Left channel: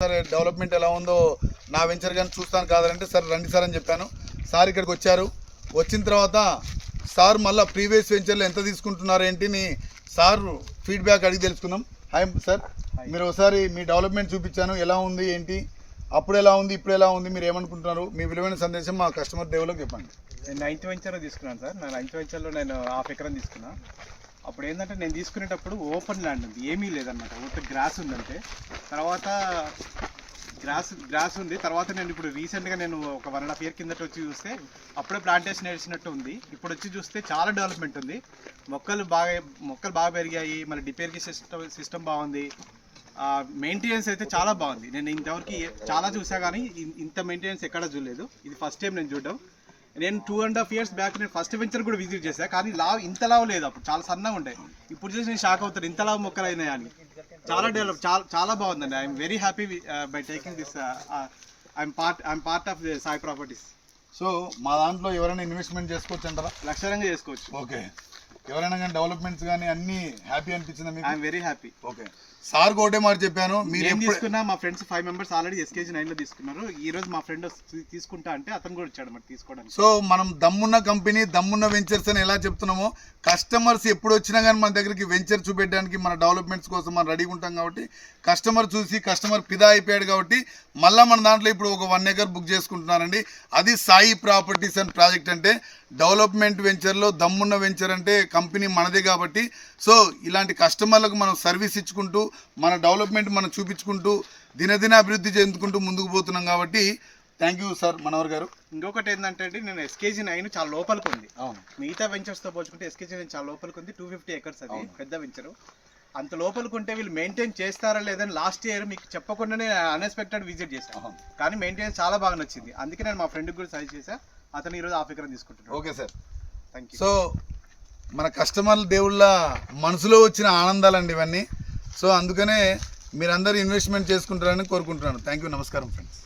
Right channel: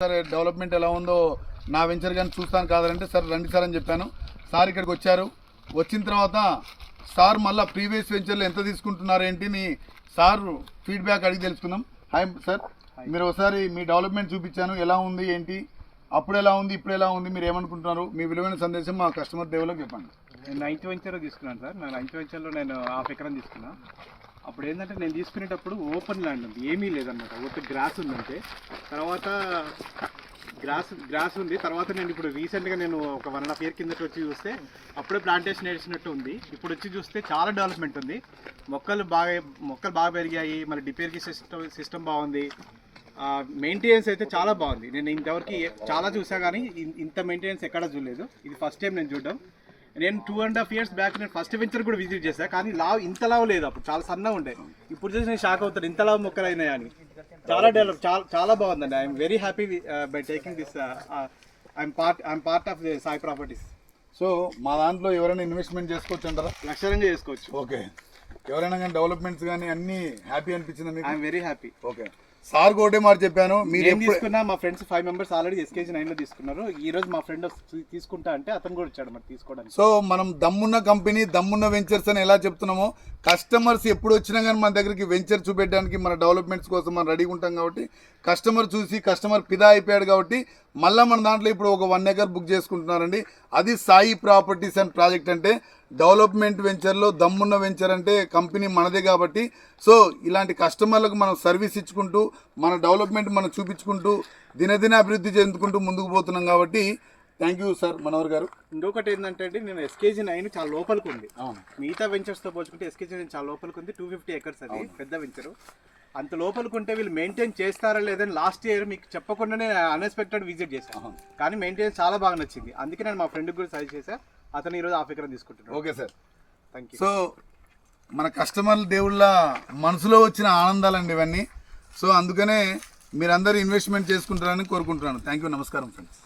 Sir development ఎలా ఉందో నా వెంచర్ కానీ చూస్తాను కాదంటే సార్ రండి సార్ అని చెప్పాను. సార్ ఇక్కడికి వచ్చారు. వచ్చిన తర్వాత సార్ మళ్ళీ ప్రీవియస్ వెంచర్లో ఎంత తీసుకుంటున్నారు ఏంటిని సార్ ఫీడ్బ్యాక్ అడిగి తెలుసుకుందాం. హాయ్ సార్, మీరు ఒకసారి మీ డెవలప్మెంట్ చూపించాను, ఎలా ఉంది ఏంటి, అప్పుడు ఎలా ఉంది ఇప్పుడు ఎలా ఉంది, మీరు ఏమనుకుంటున్నారు, మీ విలువైన సందేశం మా కస్టమర్ దేవులకు చెప్పండి. నేను 9th వెంచర్లో తీసుకున్నాను సార్. నా 9th వెంచర్లో నేను ½ ఎకరం తీసుకున్నాను. అప్పుడు ఏంటంటే నేను తీసుకునేటప్పుడు ఓపెన్ ల్యాండ్ ఉంది, ఏమీ లేదన్నమాట, ఒకటి గ్రాస్ ఉందంటే. తర్వాత గ్రాస్ ఉంది. తర్వాత నేను ఇప్పుడు రీసెంట్గా నేను ఒక 1.5 year కిందట వచ్చి చూస్తే అప్పుడే ప్లాంటేషన్ వేసినట్టు ఉంది. ఇప్పుడు వచ్చి చూస్తే చాలా డెవలప్మెంట్ ఉంది. మొక్కలు బాగా పెరిగాయి. మళ్ళీ డిపేర్కి సిస్టమ్ బాగుంది. మెయింటెనెన్స్ అయితే చాలా బాగుంది. నేను ఇంతవరకు చాలా చూసా కానీ ఇంత మెయింటెనెన్స్ ఎక్కడ చూడలేదు. ఇది ఫస్ట్ టైం నేను చూడడం. నేను 2.5 years బ్యాక్ నేను ఫస్ట్ వెంచర్ కూడా విజిట్ చేశాను, కానీ ఇంత లావు లేదు. అప్పుడు చాలా సన్నగా ఉండే. ఇప్పుడు చూసి నేను షాక్ అవుతాను, ఇంత లావు మొక్కలు అయినాయి అని. చాలా డెవలప్, చాలా బాగుందండి. I'm very happy by taking this. I'm part of the Sai properties. So మా దాంట్లో ఎవరైనా ఇన్వెస్ట్మెంట్ చేసుకోవచ్చు అంటారా? లక్షణంగా చేసుకోవచ్చు. ఓకే, ఎవరైనా కానీ డెవలప్మెంట్స్ కానీ అన్నీ హ్యాపీ అనిపించిందా మీకు? I'm very happy. Okay sir ఒకటే మాట చెప్పాను, మీరు ఏం తీసుకున్నా మా ఫ్రెండ్స్ 5 members ఆల్రెడీ SKG 9లో తీసుకున్నారు. ఈ రోజు మా ఫ్రెండ్ తీసుకుంటా అంటే అతను కూడా వచ్చాడు మరి తీసుకోవడానికి. సో మనం దమ్మున్న కంపెనీ, దమ్మున్న వెంచర్స్ అని ఎలా చెప్తున్నామో, కస్టమర్స్ ఎప్పుడు వచ్చినా కానీ మన దగ్గరికి వెంచర్ చూపెట్టడానికి, మన డెవలప్మెంట్స్ కోసం మనం రెడీగా ఉంటాం కాబట్టి, కస్టమర్ చూసి కస్టమర్ ఫిదా అయిపోయాడు కాబట్టి మళ్ళీ మన దాంట్లో ఇప్పుడు ఒక 1 acre బుక్ చేసుకుంటున్నారండి. అది సాయి ప్రాపర్టీస్ అండ్ ప్రాజెక్ట్ అంటే డెవలప్మెంట్ వెంచర్లో దమ్మున్న వెంచర్ అంటే కంపెనీ మనదే కాబట్టి, సో ఇలాంటి కస్టమర్లకు మనం సర్వీస్ ఇచ్చుకుంటూ మన డెవలప్మెంట్ మనం చూపించుకుంటూ దినదిన అభివృద్ధి చెందుకుంటూ ముందుకు పోతున్నాం కాబట్టి థ్యాంక్ యూ సార్ మనోహర్ గారు. ఇంకొకటి ఏంటంటే నేను SKG 9 చాలా లోపలికి ఉంది. మిగతా వెంచర్స్తో పోల్చుకుంటే SKG 9 చాలా లోపలికి ఉంది. 250 acres అది పెద్ద వెంచరు. అంత లోపలికి ఉంటే వీళ్ళు మెయింటైన్ చేస్తారా లేదని లాస్ట్ ఇయర్ మీకు చెప్పకుండానే అన్ఎక్స్పెక్టెడ్ విజిట్ చేశాను, కానీ మెయింటెనెన్స్ చాలా బాగా నచ్చింది. అందుకే నేను మా ఫ్రెండ్కి కూడా సజెస్ట్ చేశాను. అతను ఈరోజు ½ acre తీసుకుంటున్నాను. Okay sir, thank you. So మన కస్టమర్ల దేవుళ్ళ మనసులో వచ్చిన ఆనందాలండి ఇవన్నీ. సో అందుకనే మీరందరూ ఇన్వెస్ట్మెంట్ చేసుకుంటారని కోరుకుంటున్నాను. థ్యాంక్ యూ, నమస్కారం ఫ్రెండ్స్.